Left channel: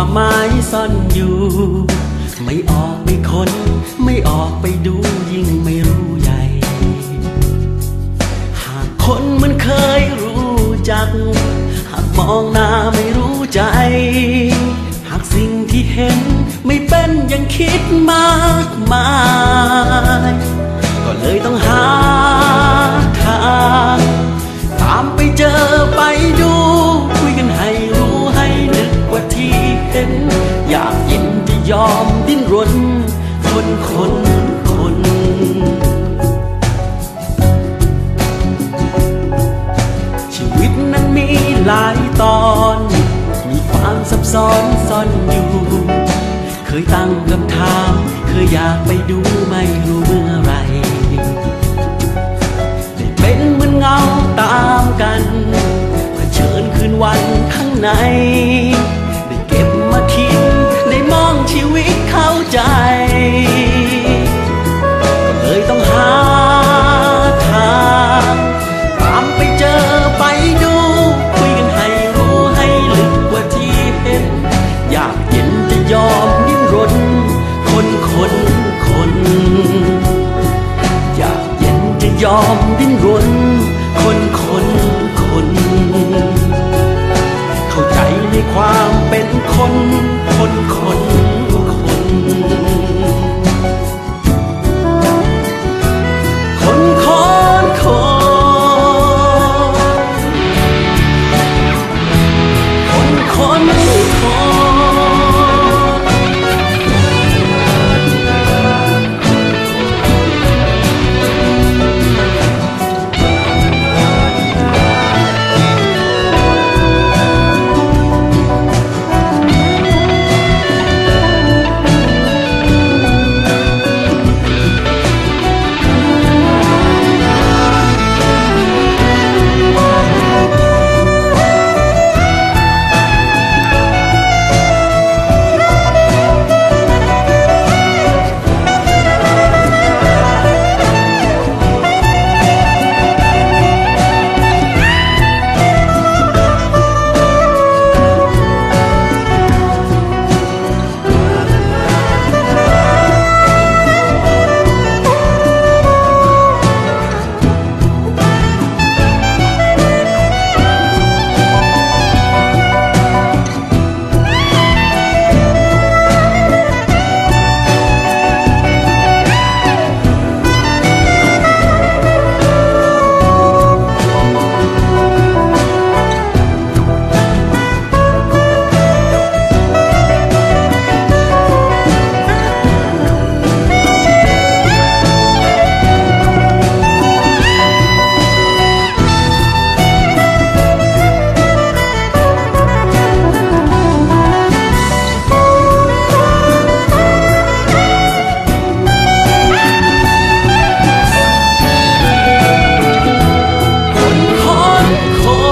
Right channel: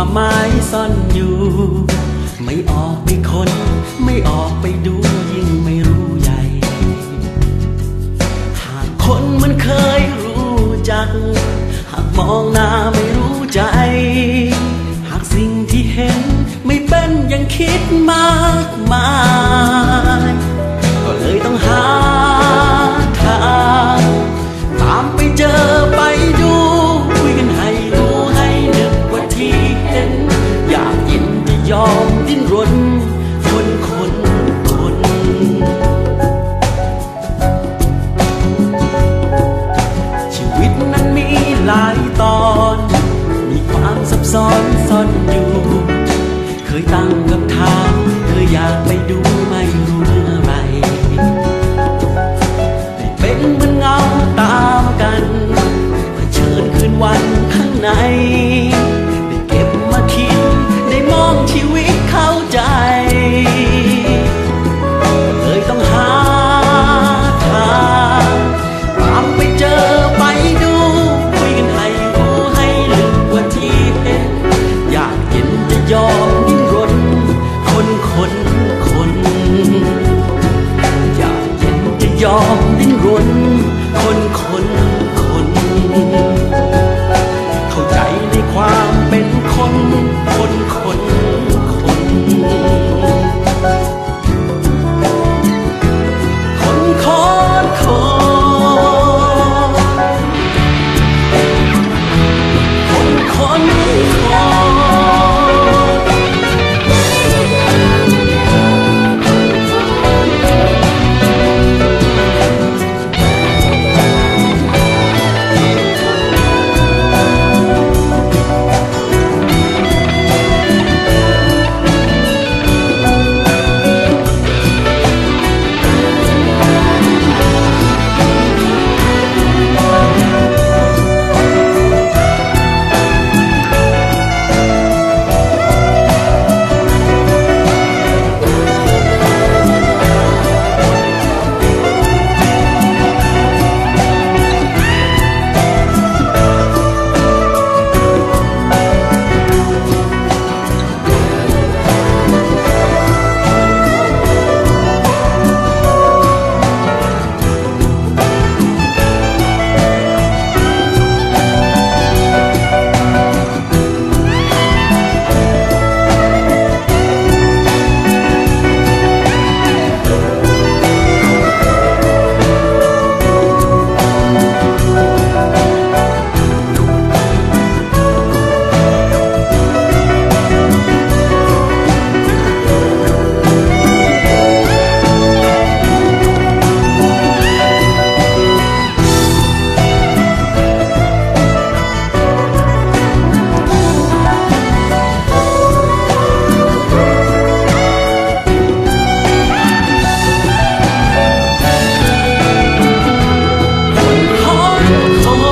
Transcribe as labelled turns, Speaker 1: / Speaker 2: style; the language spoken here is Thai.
Speaker 1: ความหมายซ่อนอยู่ ไม่ออกไปค้น ไม่ออกไปดูยิ่งไม่รู้ใหญ่ หากคนมันเคยรู้จัก หากมองหน้าไม่รู้ใจ หากสิ่งที่เห็นไม่เป็นอย่างคิดมากมาย ยอมดิ้นรน คนคนคน ชีวิตนั้นมีหลายตอน มีความซับซ้อนซ่อนอยู่ เคยตั้งคำถาม เคยอยากไปดูไม่รู้เมื่อไร ได้เป็นเหมือนเงาตามกันเผชิญคืนวันข้างใน ยอมดิ้นรน คนคนคน เข้าใจในความเป็นคน คนคน 空